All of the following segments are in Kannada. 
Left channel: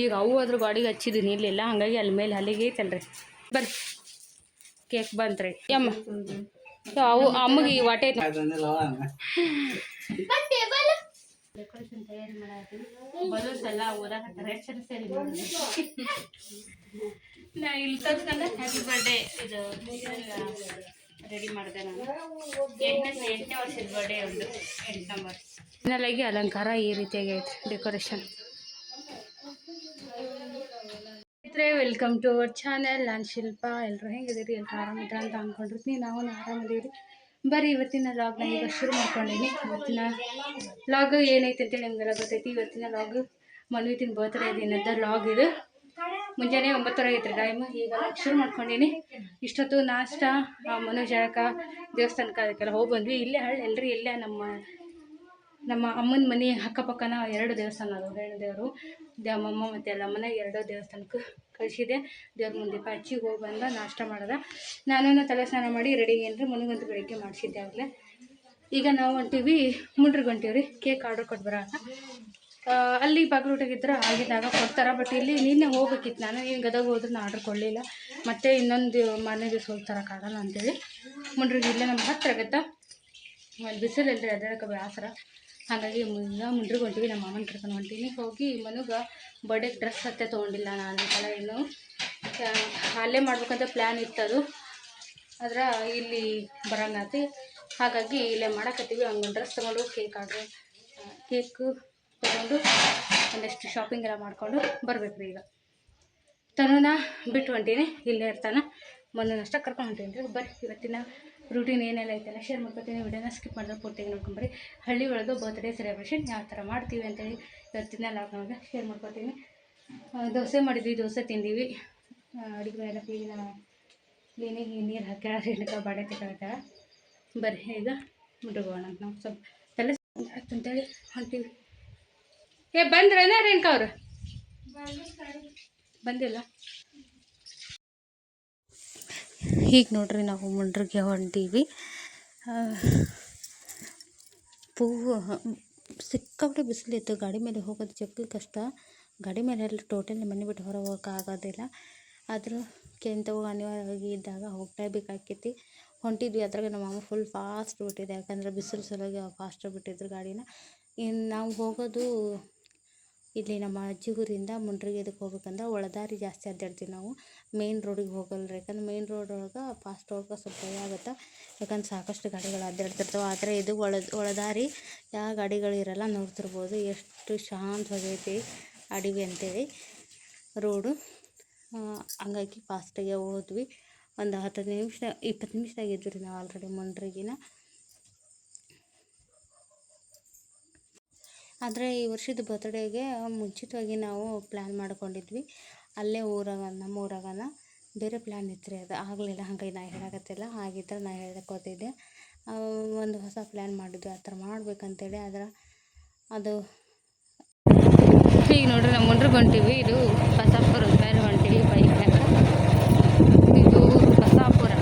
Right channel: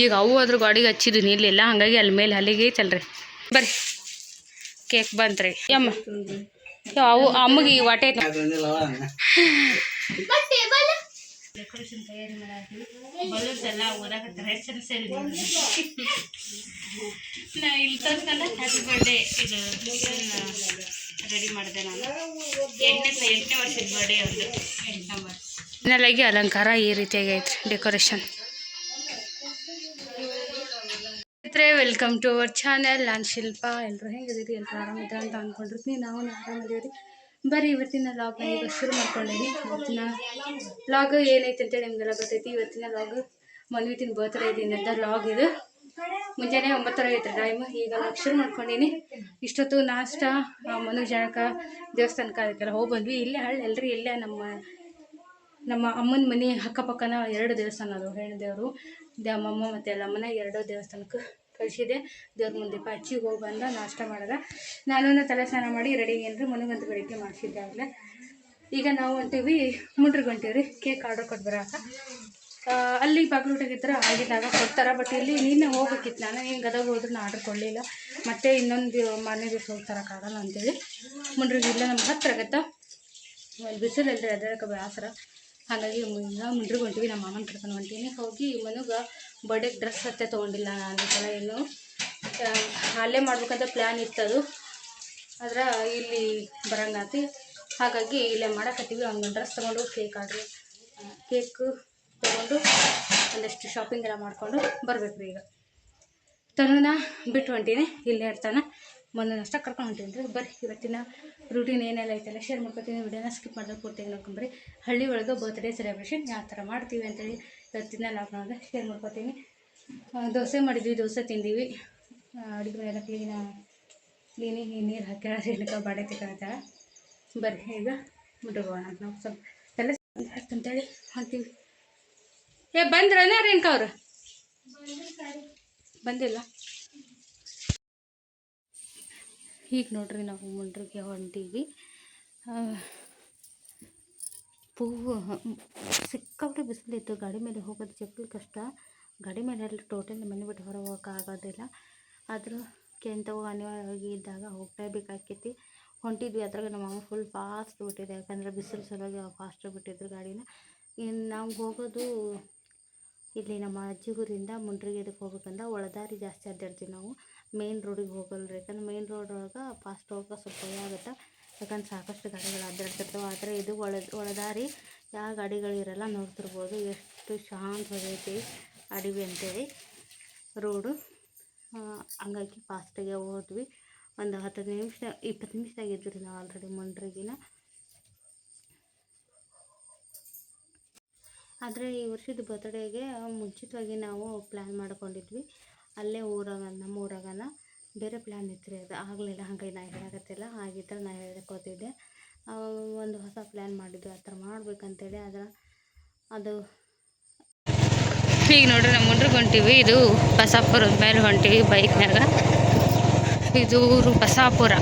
ಈಗ ಅವು ಅದ್ರ ಗಾಡಿಗೆ ಹಚ್ಚಿದ್ದು ನಿಲ್ಲಿಲ್ಲ, ಹಾಗಾಗಿ ಅಲ್ಲಿ ಮೇಲೆ ಅಲ್ಲಿಗೆ ಐತಲ್ರಿ. ಬರ್ರಿ ಕೇಕ್ ಬಂತ್ರಿ ಯಮ್ಮ. ಅವು ಅಮ್ಮಗೆ ವಾಟೆ ಡೆಕೋರೇಷನ್ ತಯಾರಿ ಮಾಡತ್ತೀವಿ. ಬಲೂನ್ಸ್ ಎಲ್ಲ ಓದಾಕತ್ತಾರೆ. ಎಷ್ಟು ಸರಿ ನಾ ಇಲ್ಲಿ ತಂದಲ್ಲ ಹ್ಯಾಪಿ ಬರ್ಡೇ ಇದು ರೆಡಿ ಮಾಡಿದೆ ನಾನು. 8ನೇ ವರ್ಷದ ಬರ್ಡೇ ಒಂದು 8 ನಂಬರ್. ಫೈನಲಾಗಿ ಅಲಂಕಾರ ಈ ರೀತಿಯಾಗಿ ಐತ್ರಿ decoration. Welcome to our channel. ನಾನು ಶಿಲ್ಪ. ಎಲ್ಲರೂ ಹೆಂಗಿದ್ದೀರಿ? ಎಲ್ಲರೂ ಆರಾಮಿದ್ರೆ ಅಂತ ಅಂದ್ಕೊಂಡಿರ್ತೀನಿ. ನಾವು ಆರಾಮಿದ್ದೀವಿ. ಬರೀ ಇವತ್ತಿನ ಲಾಗ್ನ ಈಗ ಶುರು ಮಾಡ್ಕೊಂಡೀನಿ. ಇವತ್ತಿನ ಲಾಗ್ ಏನೈತೆ ಅಂತೇಳಿ ನಿಮಗೆಲ್ಲ ಗೊತ್ತೈತಿ. ಇವತ್ತಿನ ಲಾಗ್ ಮನ್ವಿತಿನ ಬರ್ತ್ಡೇ ದಿನದ ಲಾಗ್ ಇದು. ಮುಂಜಾನೆ 9 ಐತ್ರಿ ಟೈಮ್. ಈಗ ಲಾಗ್ ಶುರು ಮಾಡ್ಕೊಂಡೀನಿ. ಇಷ್ಟೊತ್ತು ನಾಷ್ಟ ಮನುಜನಕ ದೇವಸ್ಥಾನಕ್ಕೆ ಅದಕ್ಕೆಲ್ಲ ಹೋಗಿ ಬಂದ್ವಿ. ಇಲ್ಲೇ ಹಳ್ಳಿ ಎಲ್ರಿ, ಇಲ್ಲೇ ನಮ್ಮ ಅಮ್ಮನ ಮನೆ ಅಕ್ಕಪಕ್ಕನ 2 ದೇವಸ್ಥಾನ ಅದು. ಹೆಣ್ಣು ದೇವರು ಅಮ್ಮಮ್ಮ ಮತ್ತು ಎಲ್ಲಮ್ಮನ 2 ದೇವಸ್ಥಾನಕ್ಕೆ ಕಳಿಸಿದೆ. ದೇವ್ರ ಮುಂದೆ ಹಚ್ಚಿಗೆ ಹೋಗಿ ಬಂದ ನಾಷ್ಟ ಮಾಡಿದ. ನಾನು ತಲೆ ಸ್ನಾನ ಮಾಡಿ ರೆಡಿ ಏನ್ರಿ ಮನೆಗಂತೂ ಬೆಳಿಗ್ಗೆ ಮಾಡಿಸಿದ್ದೆ ಆಗಲೇ. ಈಗ ನಾವು ಹೊಂಟೀವಿ ಮುಂಡ್ರಿಗೆ ಹೊಂಟೀವಿ ಕೇಕ್ ಆರ್ಡ್ರ್ ಕೊಟ್ಟು ಬರೋಕೆ. ಅಲ್ಲಿ ಬಾಗ್ಲೂಟಾಗಿದ್ರೆ ಆಗಿದ್ದಾಗ ಕೊಡ್ತಾರೆ. ಬಟ್ ಇಲ್ಲಿ ನಿನ್ನೆ ಹೋಗ್ಬೇಕಿತ್ತು. ನಾನು ಏನು ಗದಗ ಹೋದ್ರೆ ನಾನು ಆರ್ಡ್ರ್ ಕೊಡಲಿಲ್ಲ. ಮತ್ತು ಇನ್ನೊಂದು ಮಾರನೇ ದಿವಸ ಹೋಗ್ತಾರಕ್ಕಾಗಲ್ಲ ಅಂತೇಳಿ ಮುಂಡ್ರಿಗೆ ಇಲ್ಲ ನಮ್ಗೆ ಹತ್ತಿರ ಆಗತ್ತೆ. ಒಂದು ಬಿಸಿಲು ಇಲ್ಲರಿ ಅದಕ್ಕೆ ಬೇಸರ. ಹಾಗಾಗಿ ಈಗ ಮುಂಡ್ರಿಗೆ ಹೊಂಟೀವಿ. ನಮ್ಮ ಮಾಮನ ಕರ್ಕೊಂಡು ಹೊಂಟೀನಿ. ಹೋಗಿ ಮನೆಗೆ ಬರ್ಡೇಗೆ ಡ್ರೆಸ್ ಹತ್ತೆ ತೊಗೊಂಡಿಲ್ಲ ನಾನು ಈ ಸಲ. ಇನ್ನು ಅಲ್ಲೇ ಮಾಡ್ಬೇಕಂತ ಪ್ಲ್ಯಾನ್ ಇತ್ತದು, ಆದ್ರೆ ಇಲ್ಲಿ ಬರಂಗಾತಿ. ಹಾಗಾಗಿ ಇಲ್ಲೇ ಮಾಡಕತ್ತೀವಿ. ಹಂಗೊಂದು ಡ್ರೆಸ್ ತೊಗೊಂಡು ಕೇಕು ತೊಗೊಂಡು ಒಂದಷ್ಟು ಶಾಪಿಂಗ್ ಎಲ್ಲ ಮಾಡಿಕೊಂಡು ಬರ್ಬೇಕು ರೀ. ಈಗ ತನನ ಬಿಟ್ಟು ಹೊಂಟೀನಿ, ಇಲ್ಲೇ ಇರ್ತಾನೆ. ಮೊನ್ನಷ್ಟೇ ಕರ್ಕೊಂಡು ಹೊಂಟೀನಿ ರೀ. ಬರ್ರಿ ಇವತ್ತಿನ ರೂಟೀನ್ ಏನೆಲ್ಲ ಐತೆಲ್ಲ ಶೇರ್ ಮಾಡ್ಕೊತೀನಿ. ವಿಡಿಯೋನ ಸ್ಕಿಪ್ ಮಾಡಿದ್ರೆ ಪೂರ್ತಿಯಾಗಿ ನೋಡ್ಕೊಂಬರಿ. ಹಳ್ಳಿ ಒಳಗೆ ಬರ್ತ್ಡೇ ಸೆಲೆಬ್ರೇಷನ್ ಯಾವ ಥರ ಮಾಡ್ತೀವಿ ಅಂತೇಳಿ ಇವತ್ತಿನ ಲಾಗ್ನೊಳಗೆ ಶೇರ್ ಮಾಡ್ಕೊತೀನಿ. ದೋಸೆ ಮಾಡಿದ್ವಿ, ದೋಸೆ ತಿಂದೀವಿ. ಅಡುಗೆ ಮನೆಯೆಲ್ಲ ಕ್ಲೀನಿಗೆ ನೀರು ಹಾಕ್ಯಾಳ ಏನಕ್ಕೆ ಬಾಡೆ ತೆಗೆದ. ಬರ್ರಿ ಈಗ ಮುಟ್ಟಗೋಣ ಅಂತ ನಾವು ಸ್ವಲ್ಪ ತಲೆ ಅಂತೇಳಿ ಹೊಂತೀವಿ. ಬಂದ್ರನ ರೇಣುಕ ಅವ್ರು? ಬಂದಿಲ್ಲ. ಹೀಗೆ ನೋಡ್ರಿ ನಾವು ಮುಂಡ್ರಿಗೆ ಹೊಂಟೀವಿ. ಸಿಕ್ಕಾಪಟ್ಟೆ ಬಿಸಿಲಿತ್ತು. ಗಾಡಿ ಮೇಲೆ ಹೋಗೋದು ಜಗ್ಗಿ ಕಷ್ಟ. ಗಾಡಿ ಮೇಲೆ ಎಲ್ಲ ಟೋಟಲಿ ಮನೆ ಬಿಟ್ಟು ಹೊರ ಹೋಗೋಕೆ ಆಗೋದಿಲ್ಲ. ಆದರೂ ಕೆಂತವು ಅನಿವಾರ್ಯವಾಗಿ ಇದ್ದಾಗ ಹೋಗ್ಲೇಬೇಕಾಕೈತಿ. ಹೊಂಟಿದ್ವಿ. ಅದ್ರಾಗ ನಮ್ಮ ಅಮ್ಮ ಫುಲ್ ಫಾಸ್ಟ್ ಬಿಟ್ಟಿದೆ, ಯಾಕಂದರೆ ಬಿಸಿಲು ಸಲುವಾಗಿ ಫಾಸ್ಟ್ ಬಿಟ್ಟಿದ್ರು ಗಾಡಿನ. ಇನ್ನು ನಾವು ಹೋಗೋದು ಇಲ್ಲಿ ನಮ್ಮ ಅಜ್ಜಿಗೂರಿಂದ ಮುಂಡ್ರಿಗೆ ಇದಕ್ಕೆ ಹೋಗ್ಬೇಕಂದ್ರೆ ಒಳದಾರಿ ಜಾಸ್ತಿ ಅಡ್ಡಾಡ್ತೀವಿ ನಾವು. ಮೇನ್ ರೋಡಿಗೆ ಹೋಗಲ್ರಿ, ಯಾಕಂದ್ರೆ ಮೇನ್ ರೋಡ್ ಒಳಗೆ ಫಾಸ್ಟ್ ಹೋಗೋಕೆ ಸ್ವಲ್ಪ ಭಯ ಆಗುತ್ತೆ. ಯಾಕಂದ್ರೆ ಸಾಕಷ್ಟು ಗಾಡಿಗಳು ಅಡ್ಡಾಡ್ತಿರ್ತವೆ. ಆದರೆ ಇದು ಒಳದಾರಿ, ಯಾವ ಗಾಡಿಗಳಿರಲ್ಲ. ನೋಡ್ತಿರ್ಬೋದು ಎಷ್ಟು ಶಾಂತವಾಗೈತಿ ಅಡವಿ ಅಂತೇಳಿ ರೋಡು. ಹಂಗಾಗಿ ಫಾಸ್ಟಾಗೆ ಹೋದ್ವಿ. ಒಂದು 10 ನಿಮಿಷ 20 ನಿಮಿಷ ಆಗಿದ್ವಿ ನಾವು ಆಲ್ರೆಡಿ ಮುಂಡ್ರಿಗಿನ. ಆದರೆ ಈ ವರ್ಷದ ಬರ್ತ್ಡೇಗೆ ಮುಂಚಿತವಾಗಿ ನಾವು ಪ್ಲ್ಯಾನ್ ಮಾಡ್ಕೊಂಡಿದ್ವಿ. ಅಲ್ಲೇ ನಮ್ಮ ಊರಾಗನ ಬೇರೆ ಪ್ಲ್ಯಾನ್ ಇತ್ತು ರೀ. ಅದು ಆಗಲಿಲ್ಲ. ಹಾಗಾಗಿ ನಾ ಹೇಳಕತ್ತಿಲ್ಲ. ಆಗಿದ್ದರೆ ನಾ ಹೇಳ್ಕೊತಿದ್ದೆ. ಒಂದು ಹೊಸ ಪ್ಲ್ಯಾನ್ ಮಾಡಿದ್ವಿ ಆ ಥರ ಮಾಡ್ಬೇಕಂತೇಳಿ. ಆದರೆ ಅದು ಈಗ ನೋಡ್ರಿ ನಾವು ಮುಂಡ್ರಿಗೆ ಹೊಂಟೀವಿ. ಇದು ಬಸಾಪುರದ ಮೇಲೆ ಹೊಂಟೀವಿ ಬೈಕ್ನಾಗ. ಇದು ಬಸಾಪುರ.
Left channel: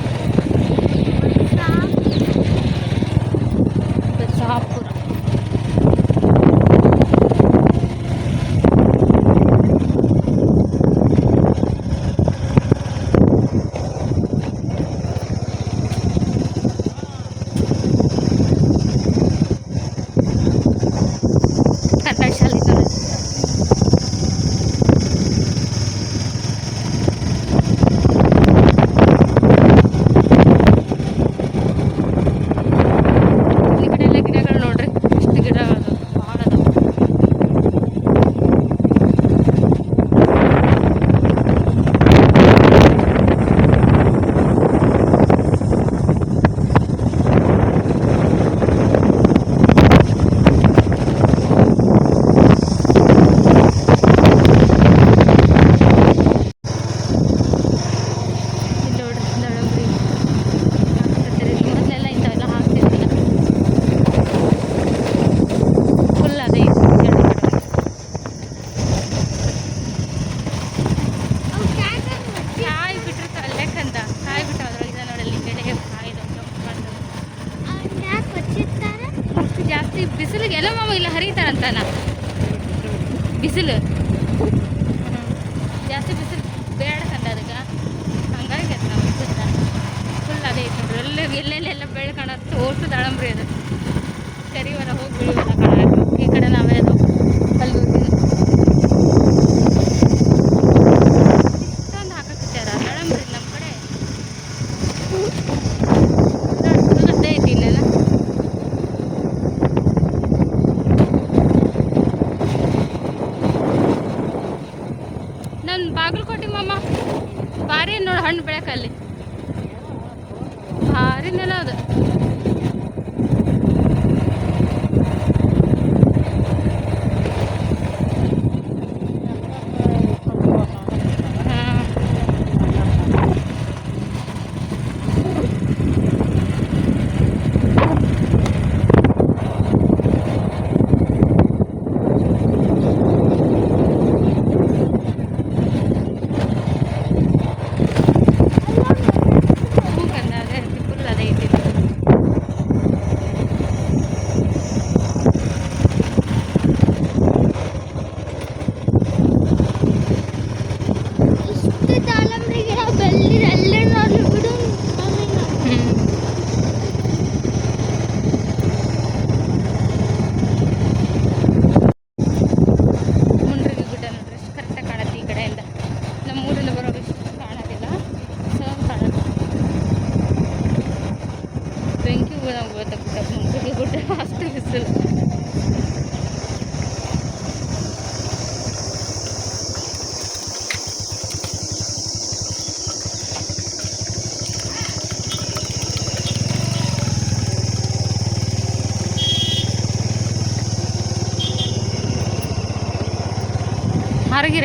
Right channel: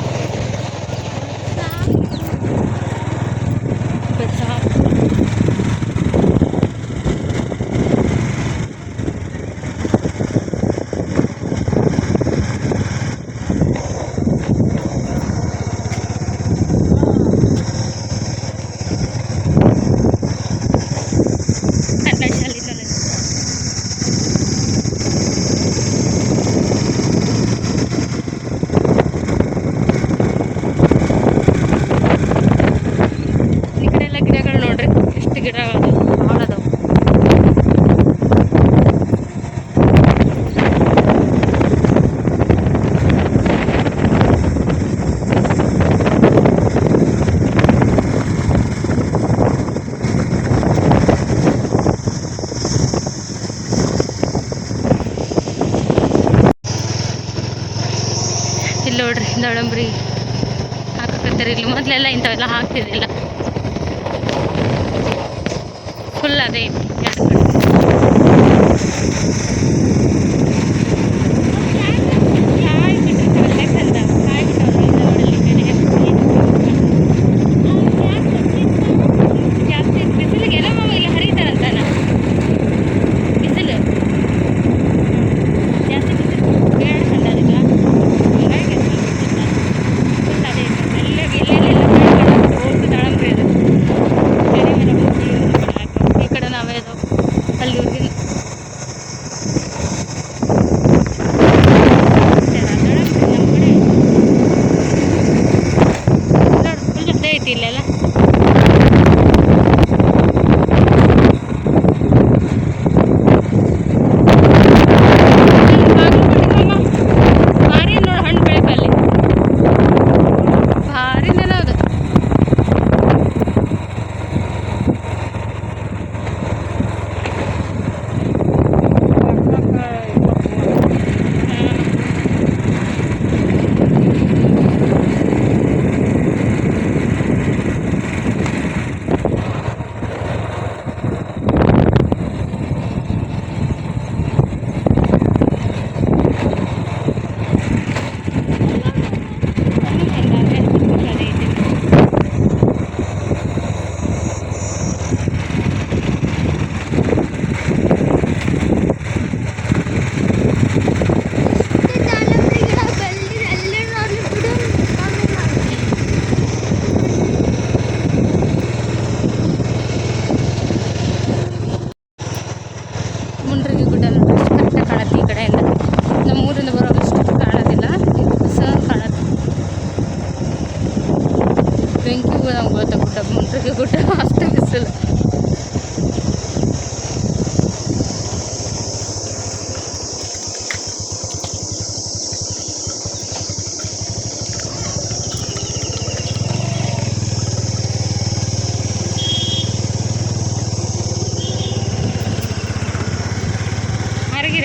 ದಾಳಂಬ್ರಿ ಹಾಕಕತ್ತಾರೆ ಇಲ್ಲಿ. ಮೊದಲೆಲ್ಲ ಇಂಥವೆಲ್ಲ ಹಾಕ್ತಿದ್ದಿಲ್ಲ. ಫುಲ್ ಅದೇ ಕಾಯಿ ಬಿಟ್ಟಿರ್ತಾವಲ್ಲ ಯಾಕಂತ ಕಾಯಿ ಬಿಟ್ಟವಲ್ಲ ನೋಡಲ್ಲಿ ಕೆಳಗೆ ಜಾಸ್ತಿ ಬಿಸಿಲಿಗೆ ಏನೋ ಮಾಮ ಇಲ್ಲ ಹರಿತಾರಂತಾನ ಬಿಸಿಲು.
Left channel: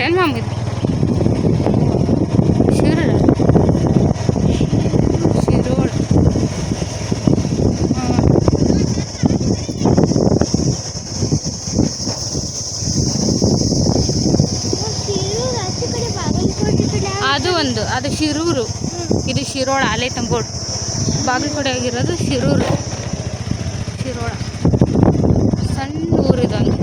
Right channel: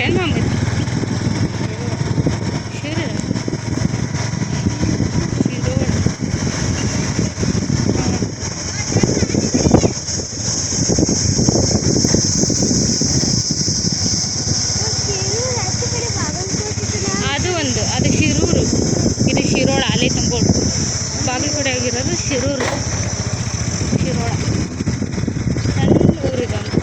ಏನು ಮಾಮೂಲಿ ಶಿರೋಳ ಅದು ಒಂದು ಅದು ಶಿರೂರು, ಇದು ಶಿರೋಳ ಅಲೆ ತಂಬೋಡು. ಬಾಗಲಕೋಟೆ ಆಗಿರೋದು ಶಿರೂರು, ಶಿರೋಳ ಸಣ್ಣ ಊರಿದೊಂದು.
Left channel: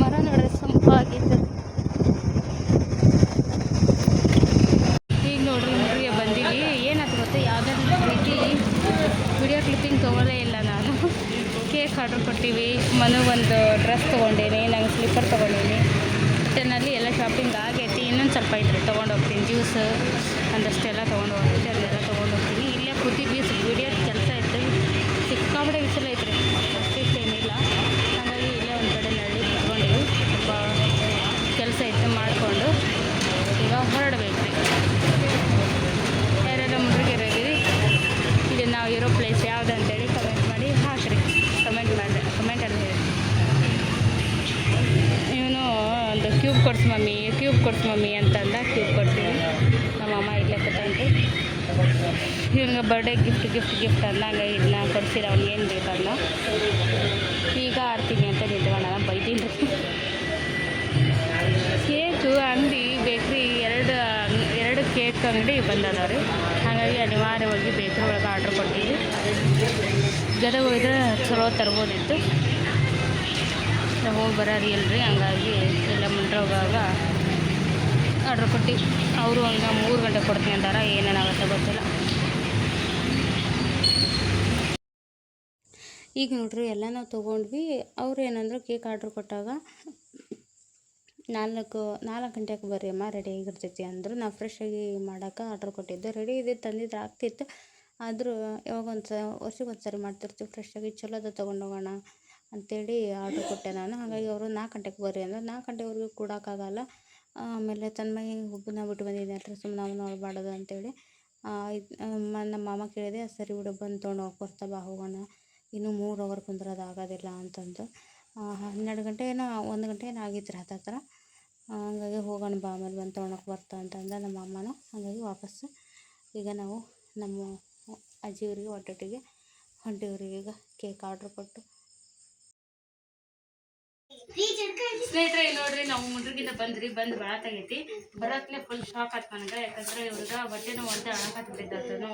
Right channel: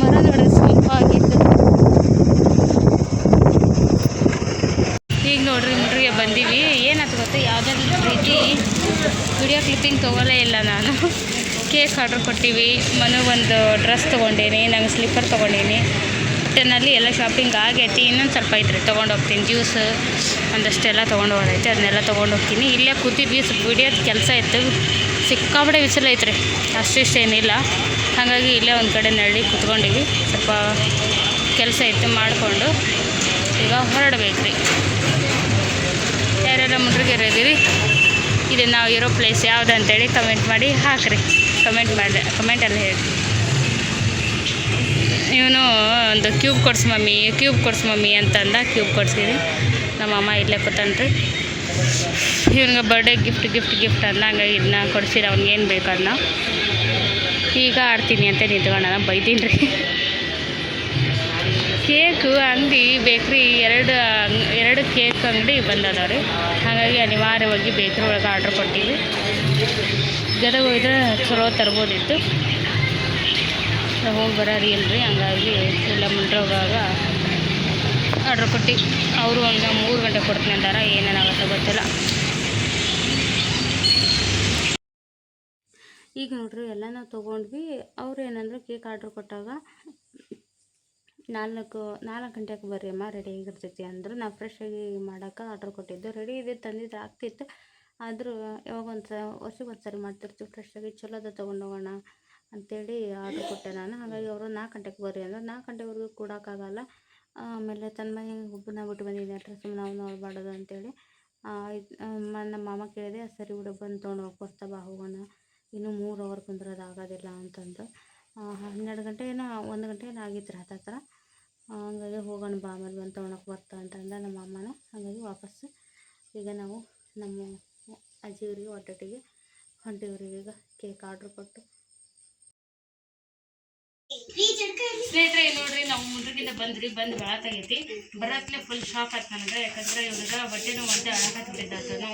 ಮರ ನೋಡಿದ್ರೆ ಸ್ವಲ್ಪ ಆಗಿತ್ತು. ಈಗ ನೋಡ್ರಿ ಮುಡ್ರಿಗೆ ಬಂದೀವಿ. ಏನಾಯ್ತು ಗೊತ್ತಾ, ಯಾವುದಾದ್ರು ರೀತಿ ವಿಡಿಯೋ ಕ್ಲಿಪ್ಪಿಂಗ್ ತೊಗೊಳ್ಳೇ ಇಲ್ಲ ನಾನು. ಕೇಕ್ ಆರ್ಡ್ರ್ ಕೊಟ್ಟಿವಿ, ಮನೆಗೊಂದು ಡ್ರೆಸ್ ತೊಗೊಂಡೀನಿ, ನಂಗೆ ಸ್ಲಿಪ್ಪರ್ ತೊಗೊಂಡೀನಿ. ಟೆನ್ನಲ್ಲಿ ಎಲ್ಲ ಶಾಪಿಂಗ್ ಆಗೈತಿ. ಇನ್ನೊಂದು ಸ್ವಲ್ಪ ಐತ್ರಿ, ತೊಗೊಂಡು ಹೋಗ್ತೀನಿ. ಜ್ಯೂಸ್ ಒಂದಷ್ಟೆಲ್ಲ ತೊಗೊಂಡು ಹೋಗೈತೆ, ಅದನ್ನೆಲ್ಲ ತೊಗೊಂಡು ಹೋಗ್ತೀನಿ. ಇಲ್ಲೇ ಕೂತಿದ್ವಿ, ಸ್ವಲ್ಪ ವಿಡಿಯೋದ ಕೆಲಸ ಇತ್ತು. ಸಿಕ್ಕಾಪಟ್ಟೆ ಬಿಸಿಲು ಐತ್ರಿ, ಅಷ್ಟಿಷ್ಟೇನಿಲ್ಲ. ಹಾಗಾಗಿ ಇಲ್ಲೇ ಒಂದು ಕಡೆ ನಳ್ಳಿ ಕುತ್ಕೊಂಡಿವಿ. ಸ್ವಲ್ಪ ಕೆಲಸ ಇತ್ತು ಮಾಡಿಕೊಂಡು ಈಗ ಹೊರಡಬೇಕ್ರಿ. ಯಾರೆಲ್ಲ ಮುಡ್ರಿಗೆರೆ ಇದ್ದೀರಿ, ಇದು ನಾವು ಇರೋ ಪ್ಲೇಸ್ ಯಾವುದು ಅಂತೇಳಿ ಕಮೆಂಟ್ ಮಾಡಿ ಹಾಕಿರಿ. ಕಮೆಂಟಲ್ಲಿ ಹೇಳಿ. ಇವನು ಒಂದು ಕ್ಯೂಬ್ ಕೊಡ್ಸು ಮಮ್ಮಿ ಅಂತಂದ. ಕ್ಯೂಬ್ ಕೊಡ್ಸಿದ್ವಿ. ನಮ್ಮಮ್ಮ ಇಲ್ಲೇ ಕೂತನ್ರಿ. ಇವ್ನಿಗೆ ಬರ್ಡೇ ಗಿಫ್ಟ್ ಅಂದ. ಹಂಗಾಗಿ ಇದನ್ನ ಕೊಡ್ಸಿರ, ಅವ್ನಿಗೇನು ಬೇಕು ಅದನ್ನ. ಈಗ ಆಡ್ತೀನಿ ಅಂತ ನಿಂತ್ಕೊಂಡ, ಬೈತೀನಿ ರೀ. ಕೇಕು ಅಂಗಡಿ ಬೇಕ್ರಿ ಎರಡು ಕೇಕ್ ಅಂಗಡಿ ಬಂದದವ್ರಿ. ಹಾಗಾಗಿ ಅನಿವಾರ್ಯವಾಗಿ ಬೇಕ್ರಿ ಒಳಗೆ ಆರ್ಡ್ರ್ ಕೊಟ್ಟಿದ್ವಿ. ಗದಗ ಹೋಗಿದ್ರೆ ಚಲೋ ತರ್ಬೋದಿತ್ತು, ಹೋಗಿ ಬರೋರಿ ಇಲ್ರಿ. ಹಂಗಾಗಿ ಎಲ್ಲ ಮುಂಡ್ರೋಗಾಗ ಆರ್ಡ್ರ್ ಕೊಟ್ಟು ಅವರು ಒಂದು 3 ಗಂಟೆ ಕೊಡ್ತೀನಿ ಅಂದಾರ. ಏನೇನಾಗುತ್ತೆ ಗೊತ್ತಿಲ್ಲ. ಈಗ ನೋಡ್ರಿ ಎಲ್ಲ ನಾವು ತೊಗೊಂಡ್ವಿ. ಅವ್ರು ಏನಂದ್ರೆ ಕೇಕ್ ಆರ್ಡ್ರ್ ಕೊಟ್ಟಾಗ 4 ಗಂಟೆಗೆ ಬರ್ರಿ ಅಮ್ಮ, ರೆಡಿ ಆಗಿರ್ತೈತಿ ಅಂದರು. ನಾವು ಫ್ರೆಶ್ಶಾಗಿ ಮಾಡೋಕೆ ಆರ್ಡ್ರ್ ಕೊಟ್ಟಿದ್ದು. ರೆಡಿ ಇದೆ ತಂದಿದ್ದು ಆಗ್ತಿತ್ತು. ಆದರೂ ಯಾವಾಗ ವರ್ಷಕ್ಕೆ ಒಂದು ಸರಿ ಮಾಡ್ತಿರ್ತೀವಿ ಫ್ರೆಶ್ಶಾಗಿ, ಚಲೋದ ತೊಗೊಂಡೋಗೋಣ ಅಂಥೇಳಿ ಆರ್ಡ್ರ್ ಕೊಟ್ಟೆ ನಾನು. ಹಾಗಾಗಿ ಅವರು 4 ಗಂಟೆಗೆ ಬರ್ರಿ ಅಂದ್ರೆ 4 ಗಂಟೆವರೆಗೂ ಕೊಡೋಕ್ಕಾಗಲ್ಲ. ಆಮೇಲೆ ತನ್ಮಯಿ ಒಬ್ಬನ ಬಿಟ್ಟು ಬಂದಿದ್ದೆ ಅಂತ ಸುಮ್ಮನೆ ನಾವು ನೋಡಬಾರ್ದು ಅಂತೇಳಿ ನಮ್ಮ ಮಾಮ ಕೇಳಿದೆ. ಸರಿ ಬಿಡು, ಬಂದು ತೊಗೊಂಡೋಗಿ ಬರ್ತಾ ಬಾ, ಹೋಗೋಣ. ಇನ್ನೂ 3 ಅವರ್ ಕುಂದ್ರೋದು ಆಗೋದಿಲ್ಲ ಅಂತಂದು. 12 ಗಂಟೆ ಏನೋ 1 ಗಂಟೆ ಏನೋ ಆಗಿತ್ತು ರೀ ಹತ್ರ. ಹಂಗಾಗಿ ಹೋಗೋಣ ಬಾ, ಆಮೇಲೆ ಬಂದು ತೊಗೊಳಕ್ಕೆ ಬರ್ತಾ ಅಂತಂದ ನಮ್ಮ ಅಮ್ಮನ. ಹಾಗಾಗಿ ವಾಪಸ್ಸು ಈಗ ನಾವು ನಮ್ಮ ಅಜ್ಜಿಯವರಿಗೆ ಒಟ್ಟೊಟ್ಟಿಗೆ ಹೊಂಟಿವ್ರಿಗೆ. ಈಗ ಕೇಕ್ ಆರ್ಡ್ರ್ ಕೊಟ್ಟು ಸ್ನೇಹಿತರೆ ನೋಡ್ರಿ, ನಾವು ಮುಂದ್ರಗಿಂದ ಬಂದು ಬೆಳತಾಗೈತಿ. ಬರೋತ್ಲೆ ಫುಲ್ ಶಾಕ್ ಆಯ್ತು ನನಗೆ. ಯಾಕಂದ್ರೆ ಇವ್ರಿಗೆ ಬಟ್ಟೆನೂ ಒಂದೇ ಅಳಕತ್ತಿದ್ದಾತನು.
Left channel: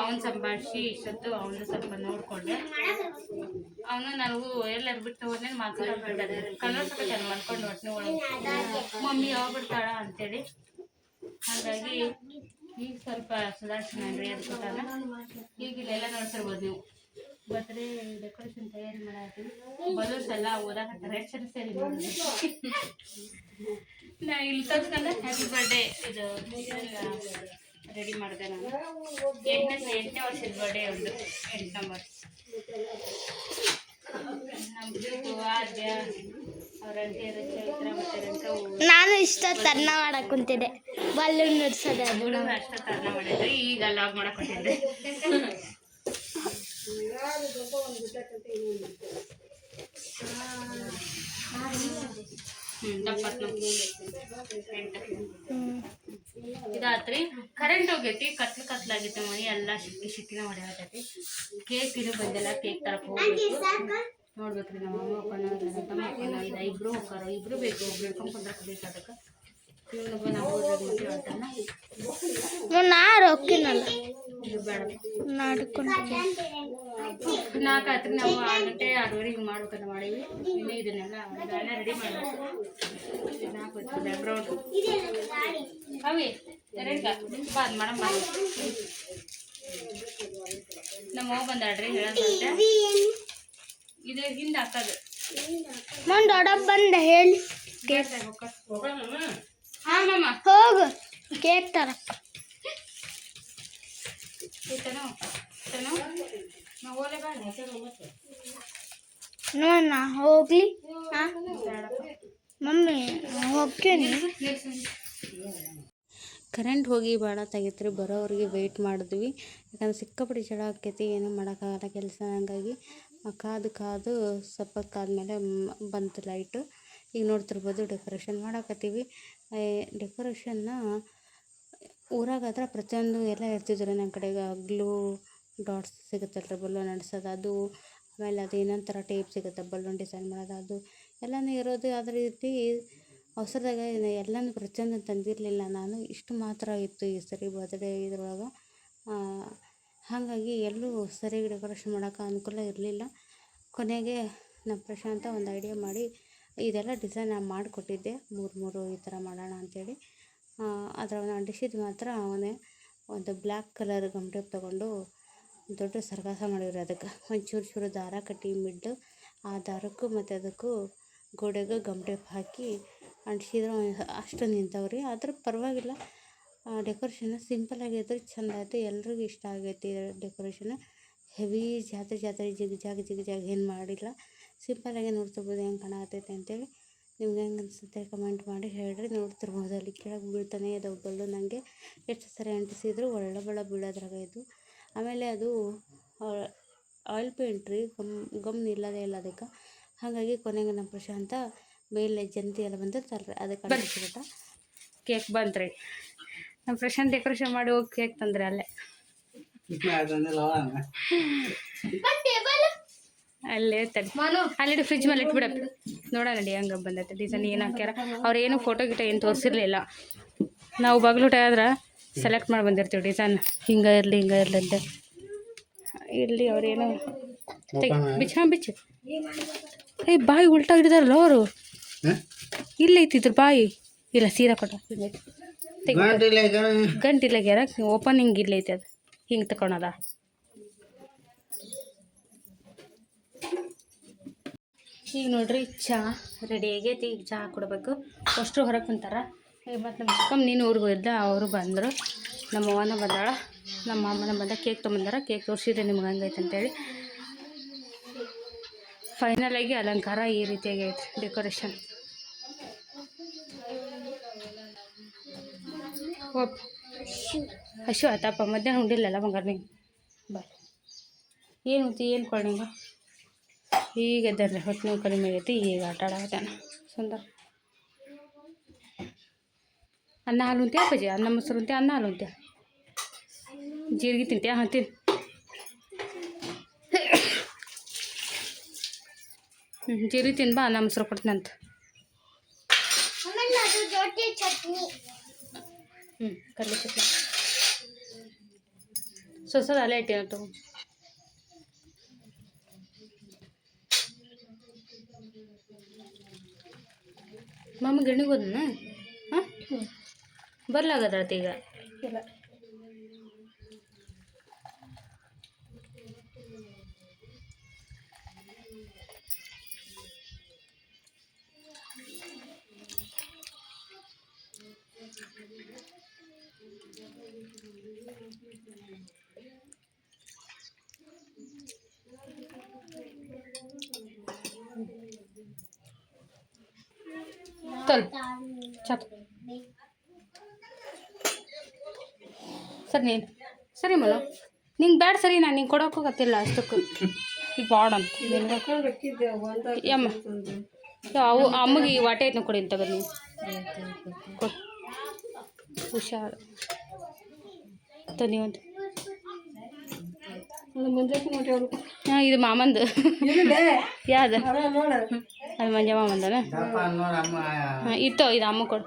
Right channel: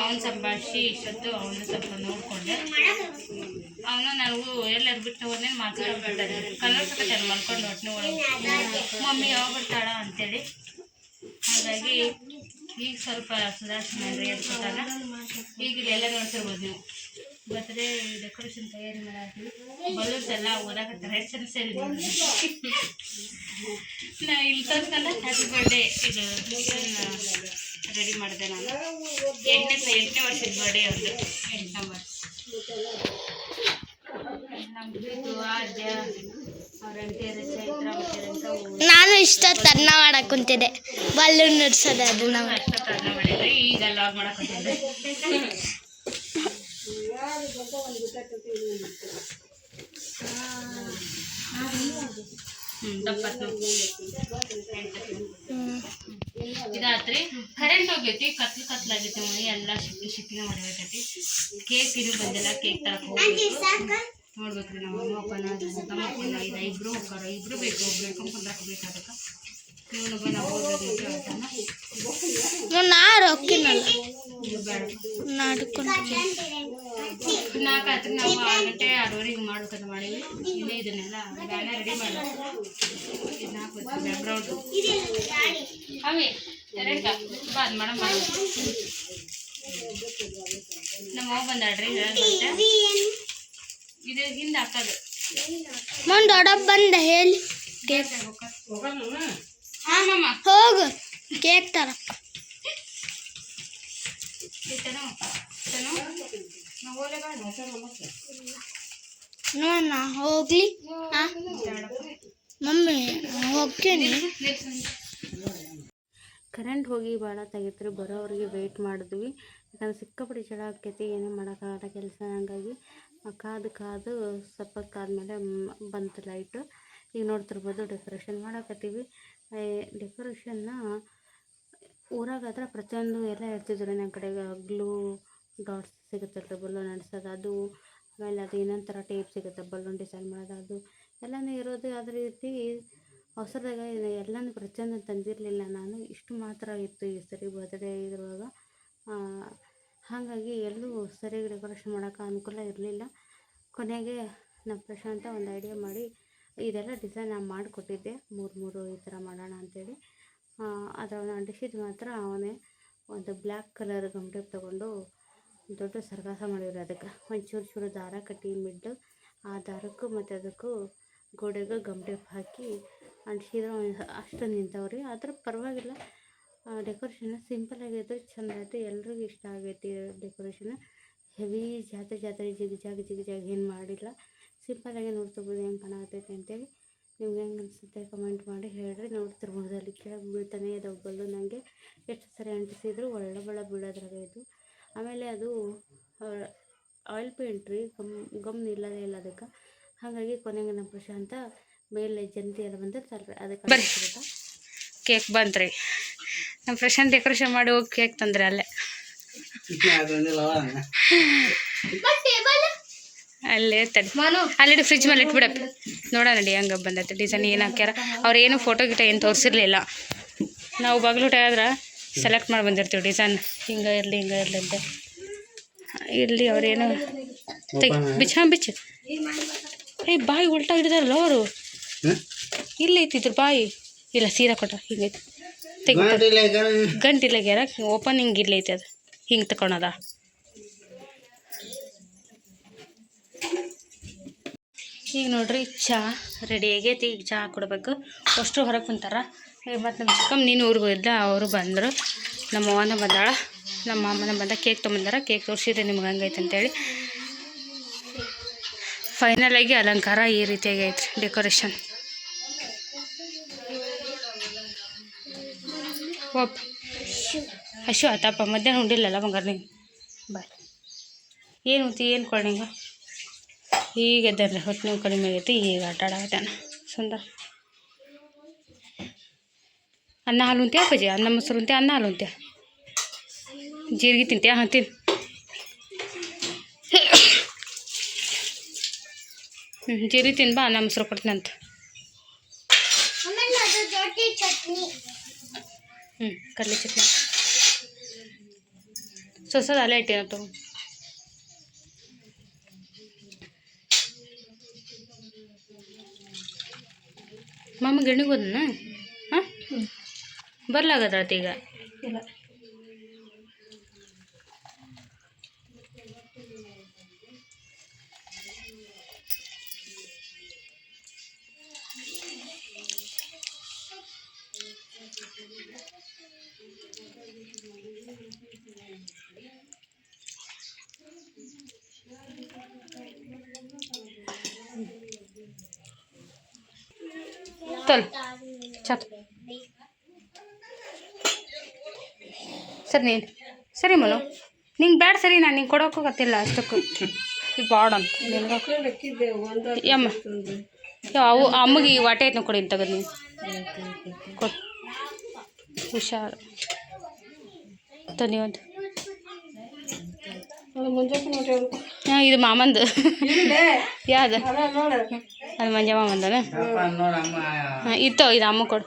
ಅವನು ಸಂಭಾಷಿ ಇಷ್ಟೊತ್ತು ಅವನು ಸ್ವಲ್ಪ ನೋಡಿಕೊಂಡೆ. ಅವನು ನನಗೂ ಎಲ್ಲರೂ ಬಿಟ್ಟು ಹೋದ್ನೇನು ಮಾತಾಡ್ಬಿಟ್ಟಾರೆ. ಕನ್ನಡ ಮಾಡ್ಕೊಂಡು ಒಟ್ಟಿನ ಒಳಗೆ ಮಮ್ಮಿ ಯಾವಾಗ ಬರ್ತಾಳ ಅಂತೇಳಿ. ಹಾಗಾಗಿ ಈಗ ಸ್ವಲ್ಪ ಸುಧಾರಿಸಿದ್ರಿ ಅನ್ಸುತ್ತಾಗ. ಈಗ ಇಲ್ಲೆಲ್ಲ ನೋಡ್ತಿರ್ಬೋದು ನೀವು. ಬರ್ತ್ಡೇ ಡೆಕೋರೇಷನ್ ತಯಾರಿ ಮಾಡಾತೀವಿ. ಬಲೂನ್ಸ್ ಎಲ್ಲ ಓದಾಕತ್ತಾರೆ. ಎಷ್ಟು ಜನ ಸೇರಿ ನಾ ಇಲ್ಲಿ ತಂದ್ಕಂಡ ಹ್ಯಾಪಿ ಬರ್ಡೇ ಇದು ರೆಡಿ ಮಾಡಿದೆ ನಾನು. 8ನೇ ವರ್ಷದ ಬರ್ಡೇ ಒಂದು 8 ನಂಬರ್. ನಮ್ಮ ಪ್ರೀತು ಆದ್ಯ ಅವರಂಟೇರು ಚೈತ್ರ ಮತ್ತೆ ನಾನು ಇಷ್ಟ ತನ್ನ ಮಾಡಕ್ಕೆ ಕುಂತಿದ್ದೆ. ಬಲ್ಲೂನ್ ನಡ್ಸೋದು ಅದು ನಾವು ಅಷ್ಟ ತನ್ನ ಮಾಡಿದ್ರಿ. ಈಗ ಲಾಗ್ ಮಾಡಕ್ಕೆ ಕುಂತಿದ್ದೆ. ಇದಾತ್ರಿ. ಕರೆಂಟ್ ಹೋಗೈತಿ, ಕತ್ಲಾಗೈತಿ. ಮನೆ ಎಲ್ಲ ಶಿಕ್ಕಿನ ಹೊಡೆಯತೈತಿ. ಕೇಕ್ ಇನ್ನೂ ಬಂದಿಲ್ಲ. ಕೇಕ್ ತರಕ್ಕೆ ಹೋಗ್ಬೇಕು, ನೋಡ್ಬೇಕ್ರಿ. ನಮ್ಮ ಅಮ್ಮ ತಮ್ಮಪ್ಪನ ಇಬ್ರು ಹೋಗ್ತಾರ. ಇಬ್ರು ಬೇಕು, ಒಬ್ರು ಕುಂದ್ರಕ್ಕೆ ಬೇಕು. ಅದಕ್ಕೆ ಇವನೊಬ್ಬ ನಾವು ಹೋಗ್ಬೇಕು ಮದುವೆ ಆಟನ ನಾಲ್ಕಾತ್ರಿ. ನಾವು 6 ಗಂಟೆ 6:30 ಮಾಡ್ಬೇಕಂತ ಮಾಡೀವಿ. ಇನ್ನೇ ಇದನ್ನೆಲ್ಲ ಬ್ಯಾನರ್ ರೆಡಿ ಮಾಡಬೇಕು. ಇದು 4 ಬ್ಯಾಕ್ಗ್ರೌಂಡು ಅವೇ ಎರಡ್ಕ ಬಾ ಅದು ಮೇಡಮ್ ಬಾ. ನಮ್ಮ ಅವ್ವ ಬಂದಾಳ್ರಿ ಹೇಳಂತ. ಇದು ಹಿಂದೆ ಹಾಕೋದು ದೊಡ್ಡಪ್ಪ ಬಂದ ಹೇಳಿ ಹೋಗು ಕೇಕ್ ತರಕ್ಕ. ನಾವು ಓಲೆ ಬೇಡ ನೋಡೋಣ ಹೋಗ್ಲಿ. ಮಮ್ಮಿ ಹೋಗ್ತೀನಿ. ಕರೆಂಟ್ ಹೋಗಿ ಭಾಳ ತೆಗಿತ್ರಿ, ಬರೋವ್ರಿಗೆ ವೆಯ್ಟ್ ಮಾಡಿದ್ವಿ. ಯಾಕಂದ್ರೆ ಸಿಕ್ಕಾಪಟ್ಟೆ ಜಳ ಆಕೈತಿ, ಏನೂ ಮಾಡೋಕ್ಕಾಗಲ್ಲ ಕೆಲಸ. ಹಂಗಾಗಿ ಕಾದು ಸ್ವಲ್ಪ ಕಾದ್ಮೇಲೆ ಬಂತು ಲೈಟು. ಈಗ ನೋಡ್ತಿರ್ಬೋದು ಡೆಕೋರೇಷನ್ ಮಾಡಾಕತ್ತೀವಿ. ಡೆಕೋರೇಷನ್ನ ಊರಾಗಾದ್ರೆ ಪ್ರತಿಯೊಂದು ಎಲ್ಲ ಇರ್ತಿದ್ರು. ನಮ್ಮ ಕಡೆಗೆ ಗ್ಲೂ ಡಾಟ್ಸ್ ಸಿಗುತ್ತಲ್ರಿ ಬಲೂನ್ ಅಂಟಿಸೋದು, ಅದು ಆಮೇಲೆ ಅದು ಇನ್ನೊಂದು ಥರ ಟೇಪ್ ಸಿಗುತ್ತೆ ಬಲೂನ್ ಡಿಸೈನ್ ಮಾಡೋದು, ಅದು ಎಲ್ಲನೂ ಇರೋದು. ಅದೇ ರೀತಿ ಅವಸರದಾಗ ಎಲ್ಲನೂ ಪ್ರತಿಯೊಂದು ತಂದಿರಲಿಲ್ಲ ನಾನು. ಇಷ್ಟು ಮಾತ್ರ ಇತ್ತು ಈ ಸರಿ ಬರ್ತ್ಡೇ ಇದ್ರೊಳಗೆ. ಹಾಗಾಗಿ ಎಲ್ಲೂ ಸರಿಯಾಗಿ ಡೆಕೋರೇಷನ್ ಮಾಡೋಕೆ ಅನುಕೂಲ ಇರಲಿಲ್ಲ. ಕೊನೆಗೆ ನಮ್ಮ ಪ್ರಶಾಂತ ಒಂದು ಐಡಿಯಾ ಮಾಡಿ ಇದೆಲ್ಲ ಡಿಸೈನ್ ನಾನು ಮಾಡಿಕೊಟ್ಟಿದ್ದೆ, ಮೂರು ಈ ಥರ ಮಾಡೋಣ ಅಂಥೇಳಿ. ಅದರೊಳಗೆ ಅಂಟಿಸಿದ್ದು ಮಾತ್ರ ಅವನೇ ಒಂದು ಬ್ಲ್ಯಾಕ್ ಕಲರ್ ಗಮ್ ಟೇಪ್ ತೊಗೊಂಡು ದೊಡ್ಡ ಸರ್ಗಾಸ ಮಾಡಿವ್ರಿ. ಅದಕ್ಕೆ ಒಂದು ಚೂರು ದಾರ ಕಟ್ಟಿ ಮಿಡ್ಡು ಆ ದಾರಕ್ಕೂ ಮತ್ತು ಅದಕ್ಕೂ ಗೋಡೆಗೂ ಗಮ್ ಟೇಪ್ ಹಾಕಿ ಅಂಟಿಸಿದ್ರೆ ಅಷ್ಟು ನಿಂತವ್ರಿ. ಆದ್ರೆ ಪರವಾಗಿಲ್ಲ, ಡೆಕೋರೇಷನ್ ಸಿಂಪಲ್ ಆಗಿದ್ರೆ ಚೆಂದ ಆಯಿತು. ಎಲ್ರಿಗೂ ಇಷ್ಟ ಆಗೈತಿ ಡೆಕೋರೇಷನ್. ಹೆವಿ ಜಾತ್ರೆ ಜಿಗ್ ಏನು ಮಾಡಿಲ್ಲ, ಸಿಂಪಲ್ಲಾಗಿ ನೋಡ್ತಿರ್ಬೋದು ಹೆಂಗೆ ಕಾಣತೈತೆ ಅಂತೇಳಿ. ನಿಮ್ಗೆ ಹೆಂಗೆ ಅನಿಸುತ್ತೆ ಕಮೆಂಟ್ ಮಾಡಿ ಹೇಳ್ರಿ. ನೋಡ್ತಿರ್ಬೋದು ಅಲ್ಲಿ ಕೆಳಗೆ ಬೀಳ್ತಾನೆ ಇದಾವೆ ಬಲ್ಲು. ನನಗೆ ಎಷ್ಟು ಸರಿ ಅಂಟಿಸಿದ್ರು ಒಳ್ಳೆ ಬೀಳೋದ್ರಾಗ ಇದು. ಆಮೇಲೆ ಅದು ಆಯಿಲ್ ಪೇಂಟ್ ರೀ, ಗಮ್ ನಿಲ್ಲೋದೇ ಇಲ್ಲ ಅದಕ್ಕೆ. ಹಾಗಾಗಿ ಕೊನೆಗೆ ನಮ್ಮ ಪ್ರಶಾಂತ ಮೇಲೆ ಜಂತಿ ಎಲ್ಲ ಬಂದಿರ್ತಲ್ರಿ ಅದಕ್ಕೆ ಅಂಟಿಸಿಬಿಟ್ಟ. ಕೇಕ್ ಬಂತ್ರಿ, ನಮ್ಮ ಪ್ರಶಾಂತ್ ಡೆಕೋರೇಷನ್ ಮಾಡಿ ಹೋಗಿ ಕೇಕ್ ತಂದ್ರೆ ಅಲ್ಲೇ ಅಲ್ಲೇ ತಡಿ, ಅಲ್ಲಿ ಫ್ರಿಜ್ ಮೇಲೆ ಇಟ್ಬಿಡಪ್ಪ. ನೋಡೋಣ ನಡಿ ಹಂಗೆ ಬಂದೈತೆ ಡಿಸೈನ್ ಏನು ಹಾಕ್ಯಾರ. ಅವ್ರು ಏನು ಫೋಟೋ ಗಿಟ ಏನು ತೋರಿಸಿರ್ಲಿಲ್ಲ. ನಾವು ಬಾಗಿಲುಟ ಆದ್ರೆ ಸೆಲೆಕ್ಟ್ ಮಾಡಿ ಬಂದಿರ್ತೀವಿ ಡಿಸೈನ್, ಹಿಂಗೆ ಇರಲಿ ಅಂತ. ಇರಲಿ ಅವ್ರೇನು ಬಿಚ್ಚು ಬಾಯಿ ಉಲ್ಟಾ ಹಿಡಿದಾರಲ್ಲ ಅವರು. ಇಲ್ಲಿ ಐತಿದ್ರು ಬಾಯಿ ಇಲ್ಲ, ಸೀರಾ ಕೊಟ್ಟ ಹಿಂಗೈತಿ ಗಂಟಿಲ್ಲ ಗ್ಯಾರ ಓಪನ್ ಹಿಂಗೆ ಇಲ್ಲೈತಿ, ಅದು ಹಿಂಗೆ ತಗೊಳದ. ಈಗ ನೋಡ್ರಿ ಚಹಾ ರೆಡಿ ಆಗೈತಿ. ಈಗ ಚಹಾ ಕೊಡಬೇಕು. ಅಷ್ಟು ಹೊರಗೆ ಕುಂತಾರ. ಮತ್ತು ನಮ್ಮ ಚಿಕ್ಕಮ್ಮ ನೀನು ಊರಿಗೆ ಹೋಗಿದ್ದ, ಅವರು ಬಂದರು. ನಮ್ಮ ಅವ್ವನ ಬಂದಾಳ, ನಮ್ಮ ಅಮ್ಮನ ಬಂದ. ಕೇಕ್ ತೊಗೊಂಬಂದಾರ. ಕೇಕ್ ತೋರಿಸಿದ್ರೆ ನಿಮ್ಗೆ ಹಂಗೈತೆ ಅಂತೇಳಿ. ಫೈನಲಾಗಿ ಅಲಂಕಾರ ಈ ರೀತಿಯಾಗಿ ಐತ್ರಿ ಡೆಕೋರೇಷನ್. ಓಪ್ ಹಶು ಆತಪ್ಪ, ಮಧ್ಯಾಹ್ನ ಉಂಡಿಲ್ಲಲ್ಲ ಬಂಗಾರ ನೀವು. ಬಾಯ್ ಏನು ಉಂತಿ ಏನು ಕೊಡ್ನಿಂಗ. ಈಗ ಎದ್ದಾರ್ರಿ, ಹೊಟ್ಟೆ ನೋವು ಕಡಿಮೆ ಆಗೈತಿ. ಈಗ ಆಟ ಆಡಕತ್ತಾನ ಸುಂದರ. ಅನ್ನ ಹಾಲು ಉಂತ್ಯಾ ಅಪ್ಪಾಜಿ? ಅನ್ನ ಮೊಸರು ಉಂತ್ಯಾ? ಅನ್ನ ಹಾಲು ಉಂತ್ಯಾ? ಜೀರಿಗೆ ತಿಂತ್ಯಾ? ಹಾಂ ತಿನ್ನು. ಜೀರಿಗೆ ತಿನ್ ಬಾ, ಅನ್ನ ಮೊಸರು ಕೊಡ್ತೀನಂತ. ಕಡಲೆ ಚಟ್ನಿ ಸೊಸದ ಅಲ್ಲೇ ಇಟ್ಟೇನ ತಗೋ. ಮಾಮ ಗಿರಣಿಗೆ ಹೋದನ? ಹಾಂ ಬರ್ಲಾಗದ್ರತ ಈಗ ಇಲ್ಲ. चल चल ಸರಿ ನೀನು ಸರಿ ಮನು ನಿಂಗೆ ಬ್ಯಾಡ ಸರಿ. ನಾನು ನಿಂಗೆ ಕೊಡೋಕ್ಕೂ ಗೊತ್ತಿಲ್ಲ ಅಷ್ಟಕ್ಕೂ ಬಾಡ್ ಅಂತ ನಿನಗೆ ಯಮ್ಮ ಅವು ಅಮ್ಮಗೆ ಈ ವಾಟೆ ಐತೆ ಕೊಡಿ ತಗದು ನೀನು ಕೊಡು. ಹುಷಾರು ತನಿಯೊಂದು. ಹಾಂ ಇದು ಮಾಮಂದು. ಯಾವ್ದು? ಅದು ಮಂಜ ಮಾಮಂದನ? ಹಾಂ ಇತ್ತು, ಇದು ಅಮ್ಮ ಕೊಡು.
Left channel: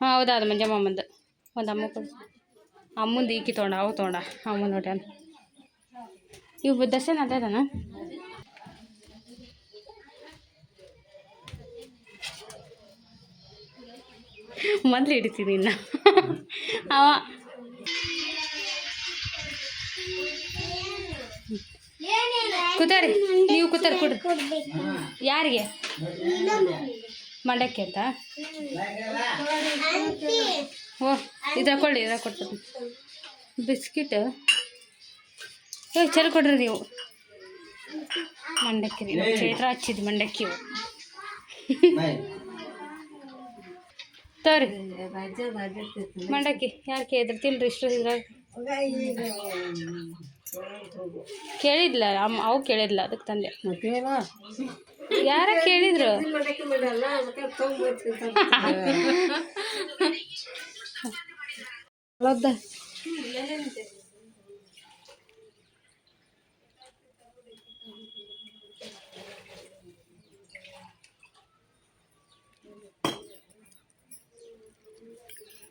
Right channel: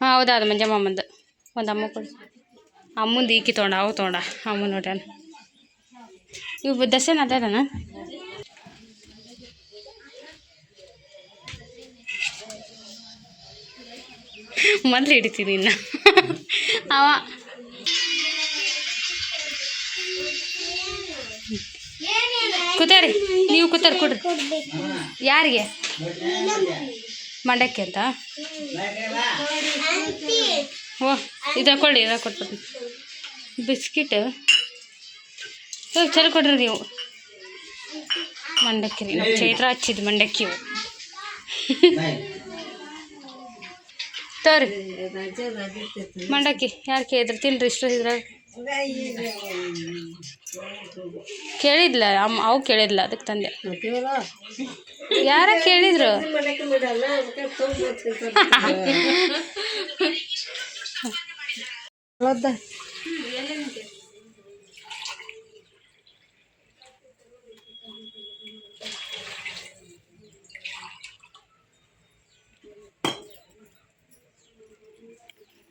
ಹಾಂ ಹೌದಾ, ಅದು ಮಂಜ ಮಾಮಂದು. ಒಂದು ಅಮ್ಮ ಕೊಡು. ಅಮ್ಮಂದು ಈಕಿ ತೊಗೊಂಡ, ಅವು ತೊಗೊಂಡ. ಅಮ್ಮ ನೋಡ್ಯಾನ. ಇವು ದಸನ ಅದಾನ. ಮೊದಲು ಹಿಡಿತೀನಿ ಇನ್ನು ಅವ ಕೂತಾರಿ. ನೀವು ಕೂತಾರ ಕೊಡ್ರಿ. ಯಾರಿಗೆ? ಮಂಡಕ್ಕಿ ಅಂತ. ಓ ಇದಾಗ ಕೊಡಿ, ಇದಾಗ ಕೊಟ್ಬಿಡ್ತೀನಿ. ಬಿಸ್ಕಿಟ್ ಚಲೋ ಕೊಡ್ರಿ ನೀವು. ಮಂಡಕ್ಕಿ ರೀ ನಮ್ಮ ಚೈತ್ರ ಹಚ್ಚಿದ್ದು ಮಂಡಕ್ಕಿ ಇವು ತೋರಿ ಮಂಡಕ್ಕಿ ಯಾರು ಕೇಳಿದ್ರು ತಿನ್ರಿ ಇಷ್ಟು ಇದ್ರಾಗ ಕೇಳಿದ್ಲ ಅವು ಕೇಳಿದ್ಲ ಅದಕ್ಕೆ ತಂದೆ ಯಾರ ಕೇಳಿದ್ರು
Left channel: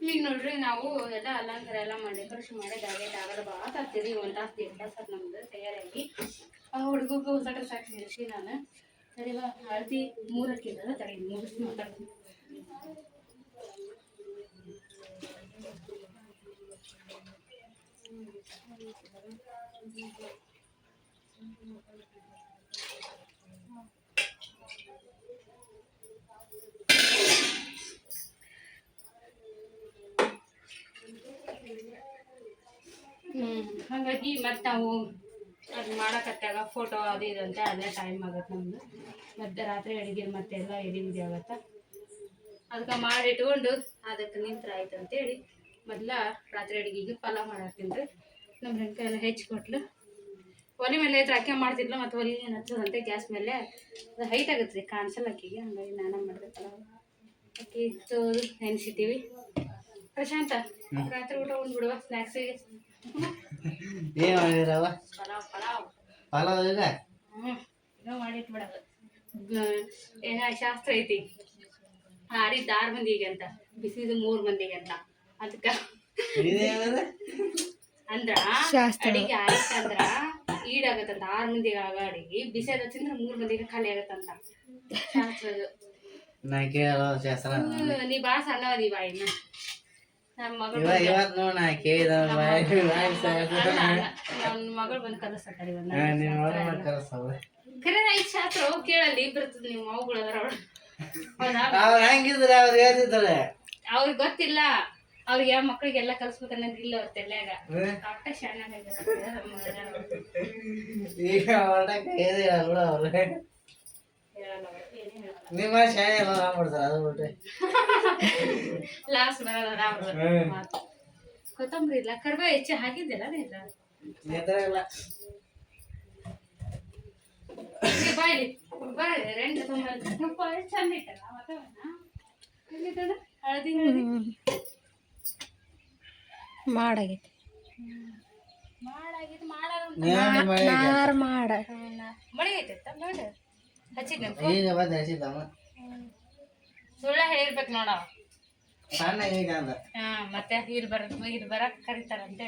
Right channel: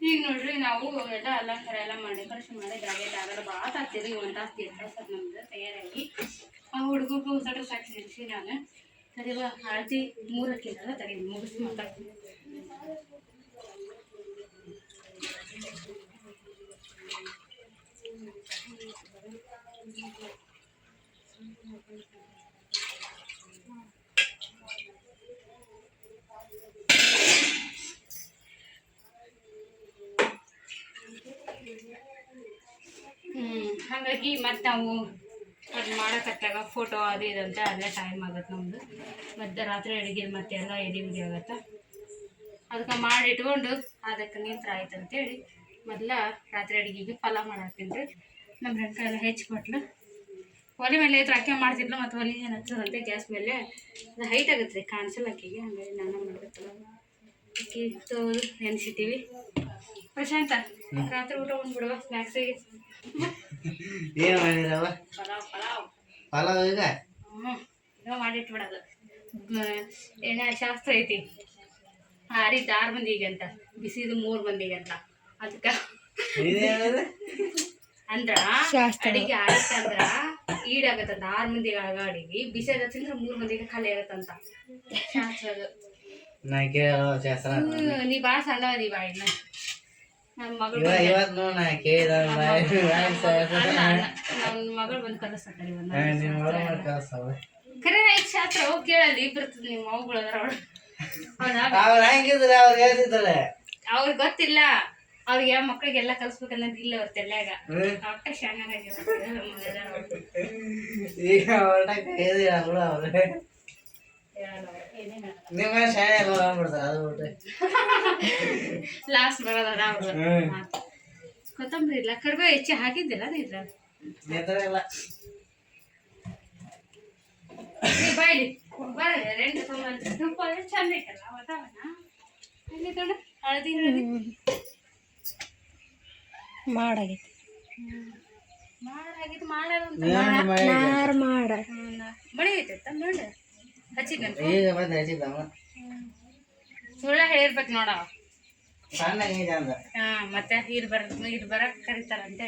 ಈಗ ನೋಡ್ರಿ ನಾವು ಎಲ್ಲ ಅಲಂಕಾರ ಎಲ್ಲ ಮಾಡಿ ಡೆಕೋರೇಷನ್ ಮಾಡಿ ಆಗಲ್ಲ ಭಾಳ ತಾಗ್ತೀರಿ ಒಂದು ತಾಸು ದೇಡ್ ತಾಸು ನಮ್ದು ತಯಾರಾಗಿ ಆ ಹುಡುಗಗೂ ಹೊಸಟ್ರೆ ಸಾಕು ನಿಲ್ಸಿ ನಾನು ಸರಿವಾ ಹಳದಿ 3 ಹಾಕಿದ್ರೆ ತಡಿ ಮುಗಿಸಿ ಮಾತಾಡ್ತೀನಿ ಹಾಗಾಗಿ ಮತ್ತು ನಾವು ಅದು ಮಾಡೋಕತ್ತಾಗ ಫೋಟೋ ಅದು ಇದು ಅಂತ ಅದೇ ಟೈಮ್ ಆಗತ್ತೆ ನಮ್ಮದು ಮತ್ತು ರಾತ್ರಿ ಅಡುಗೆ ಮತ್ತೆಲ್ಲ ಎಡಿ ಆಗತ್ತೆ ಅದಕ್ಕೆ ಮಾಡಿ ಇಟ್ಕೊಂಡು ಅದಕ್ಕೆ ನಿಂತ್ರ ಆಯ್ತು ಅಂತೇಳಿ ಮೊದಲ ರಾತ್ರಿ ಅಡುಗೆಗೆ ಪಲಾವ್ ಮಾಡಾಕ್ತೀನಿ ರೀ ನಮ್ಮ ಫ್ರೆಂಡ್ ಎಲ್ಲ ಹೆಚ್ಚಿಕೊಟ್ಲು ಒಲೆ ಮೇಲೆ ಇದ್ರೆ ಅಕ್ಕಿ ಮಾಡ್ತಿದ್ಲು ಮತ್ತು ಒಲೆ ಏನು ಹಚ್ಚದಂತೆ ಗ್ಯಾಸ್ ಮೇಲೆ ಅದು ಹೈಟ್ ಆಗುತ್ತೆ ರೀ ಕಾಣಿಸಲ್ಲ ಅಕ್ಕಿಗೆ ಹಾಗಾಗಿ ನಾನು ಮಾಡ್ಬೇಕಲ್ಲ ಅಕ್ಕಿ ತೊಳೆದು ನೆನೆಸಿಟ್ಟಿವಿ ಪ್ರಶಾಂತ ರಾತ್ರಿ ಊಟ ಉಂಡ್ಬಿಡುವ ಸ್ನ್ಯಾಕ್ಸಿಗೆ ಏನು ಮಾಡಿದ್ರವ ಪಲಾವ್ ಈಗ ಏನೋ ಮಾಡಿಟ್ಬಿಡೋದು ಏನೋ ಶಾಸ್ತ್ರ ಐತಿ ಆರಿದ್ದು 6 ಮಂದಿಗೆ ಅಂತ ಬಿಸಿದು 3 ಮಂದಿಗೆ ಅಂತ ಅದಕ್ಕೆ ಅಂದ್ರ ಅಡಿಗೆ ಆಯ್ತು ಅಂದ್ರ ಈಡಾಗತ್ತಂತ 6 ಮಂದಿಗೆ ಆಗ ಅಡಿಗೆ ಬಿಸಿದ ತಿಂದ್ರೆ 3 ಮಂದಿಗೆ ಖಾಲಿ ಆಗತ್ತಂತ ಶಾಸ್ತ್ರದು ನೀ ಭಾಳ ಸಣ್ಣವದಿ ಬಾ ಇನ್ನ ನನ್ನ ಮಗಳು ನನ್ನ ಮಗಳು ಬಂದು ಕಲಿಸ್ತಾರೆ ಖರೆ ಈಗ ಶಾಸ್ತ್ರ ಹೋಗಿ ಕೇಳಲ್ಲಿ ಬರ್ತದೆ ನಿಮ್ಮ ಮಗಳು ಅವ್ರಿಗೆ ಗೊತ್ತಿಲ್ಲ ಅವ್ರಿಗೆ ಯಾವ ಮಕ್ಳಿಗೆಲ್ಲ ಕಲ್ಸ್ಬೇಕನ್ನೋದು ಇಲ್ಲ ಅವ್ರ ತೆಲ್ಯಾಗ ಅಕ್ಕ ಲಾಸ್ಟ್ ಬರೋದ ಕೊತ್ತಂಬರಿ ಇಲ್ಲ ಕರಿಬೇವು ಹೆಚ್ಚಿ ಹಾಕಿದ್ದಿಲ್ಲ ನೀದ್ರ ಬಾಯ್ಲಿ ಬರಲ್ಲ 2 ತೊಂಬತ್ತು ಚಂದ ಐತಲ್ಲ ವಾತಾವರಣ ಹಳದಿ ಮಾಡಾಗೈತಿ ಮಳಿ ಐತೆ ನೋಡಿ ಹಚ್ಚಿದ್ದ ಸುಳ್ಳ ಹೇಳಿರ್ಬೇಕು ನೋಡ ಮತ್ತೆ ಹಿರ್ ಬರಕ್ ಕರಿತಾರ ಅಂತ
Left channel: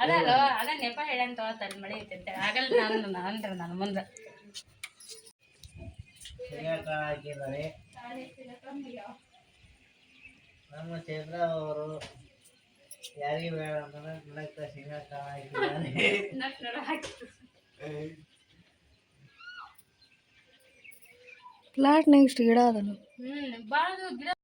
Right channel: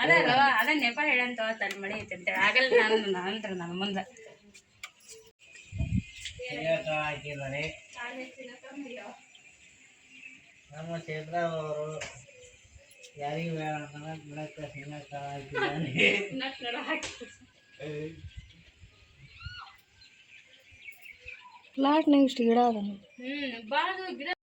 ಅದೇ ಅಲ್ವಾ ಅದೇ ನೆಪ ಹೇಳಂತ ತಲೆ ಮಳಿ ಐತೆ ಅಂತೇಳಿ ಆಗಲ್ಲ ಅಂದ್ರೆ ನನ್ನ ಮುಂದೆ ನಮ್ಮ ಚೈತ್ರ ಅವರು ಯಾರಿಗೆ ಬೇಡ ಅಂತ ಪ್ಲಾಟ್ನಾಗ ಇಷ್ಟು ಗಿಡ ಅದನು ಭಾಳ ಗಿಡ